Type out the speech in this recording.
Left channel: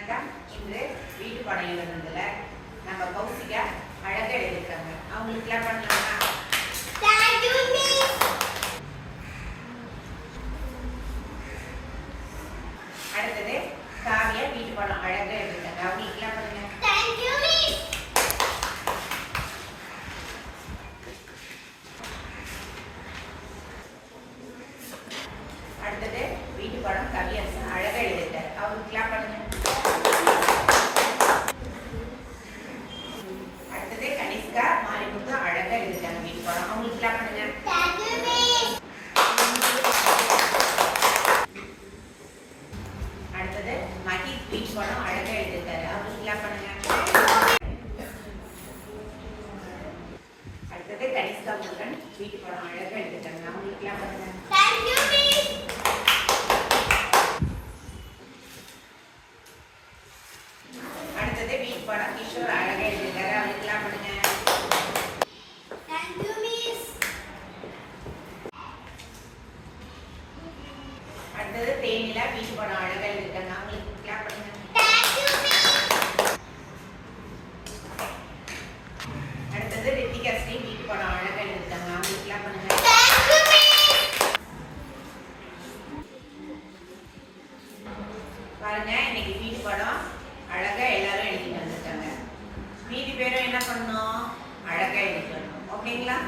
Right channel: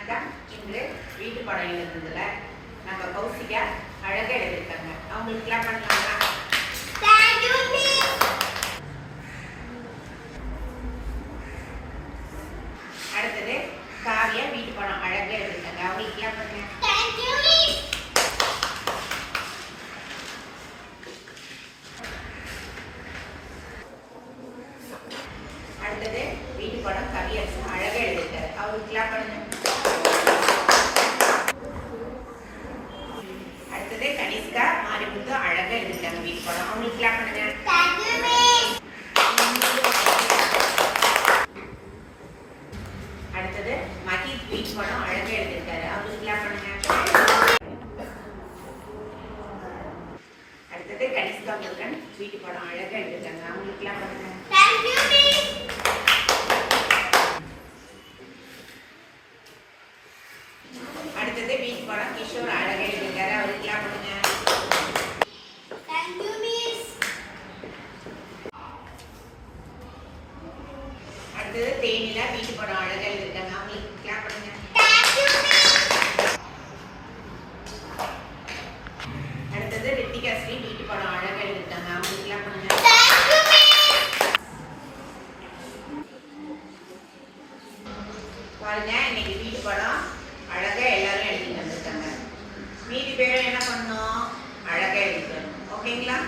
வணக்கம் இன்று வீட்டு பாடம் எழுதுனதுல நம்ம கௌசிகா அழகா எழுதியிருக்காங்க. அவங்களுக்குலாம் பண்ணலாமா. அடுத்தது காவியா வீட்டு பாடம் அழகா எழுதியிருக்காங்க. பண்ணுங்க Thank you, miss. அடுத்தது வீட்டு பாடம் கவியரசன் அழகா எழுதியிருக்காரு. அவங்களுக்குலாம் பண்ணுங்க அடுத்தது கனிஷ்கா மாரிமுத்து அழகா எழுதியிருக்காங்க வீட்டு அவங்களுக்குலாம் பண்ணுங்க. அடுத்தது மகி வீட்டு பாடம் அழகா எழுதியிருக்காரு. அவங்களுக்குலாம் பண்ணுங்க. அடுத்தது கனிஷ்கா முருகன் வீட்டு பாடம் அழகா எழுதியிருக்காங்க. அவங்களுக்குலாம் பண்ணுங்க. Thank you, miss. அடுத்தது வீட்டு பாடம் கிஷோர் அழகா அடுத்தது தேனில வீட்டு படம் அழகா அவங்களுக்கு கிளாப் பண்ணுங்க. அடுத்தது ரித்திகா ஸ்ரீ வீட்டு அழகாக அழகா அவங்களுக்கு கிளாப் பண்ணுங்க. பாருங்க இன்னைக்கு வீட்டு படம் அழகா எல்லாரும் எழுதி வந்திருக்காங்க மீதி பேரும் என்ன பண்ணோம்? அழகா எழுதிக்கணும் ஓகேங்களா?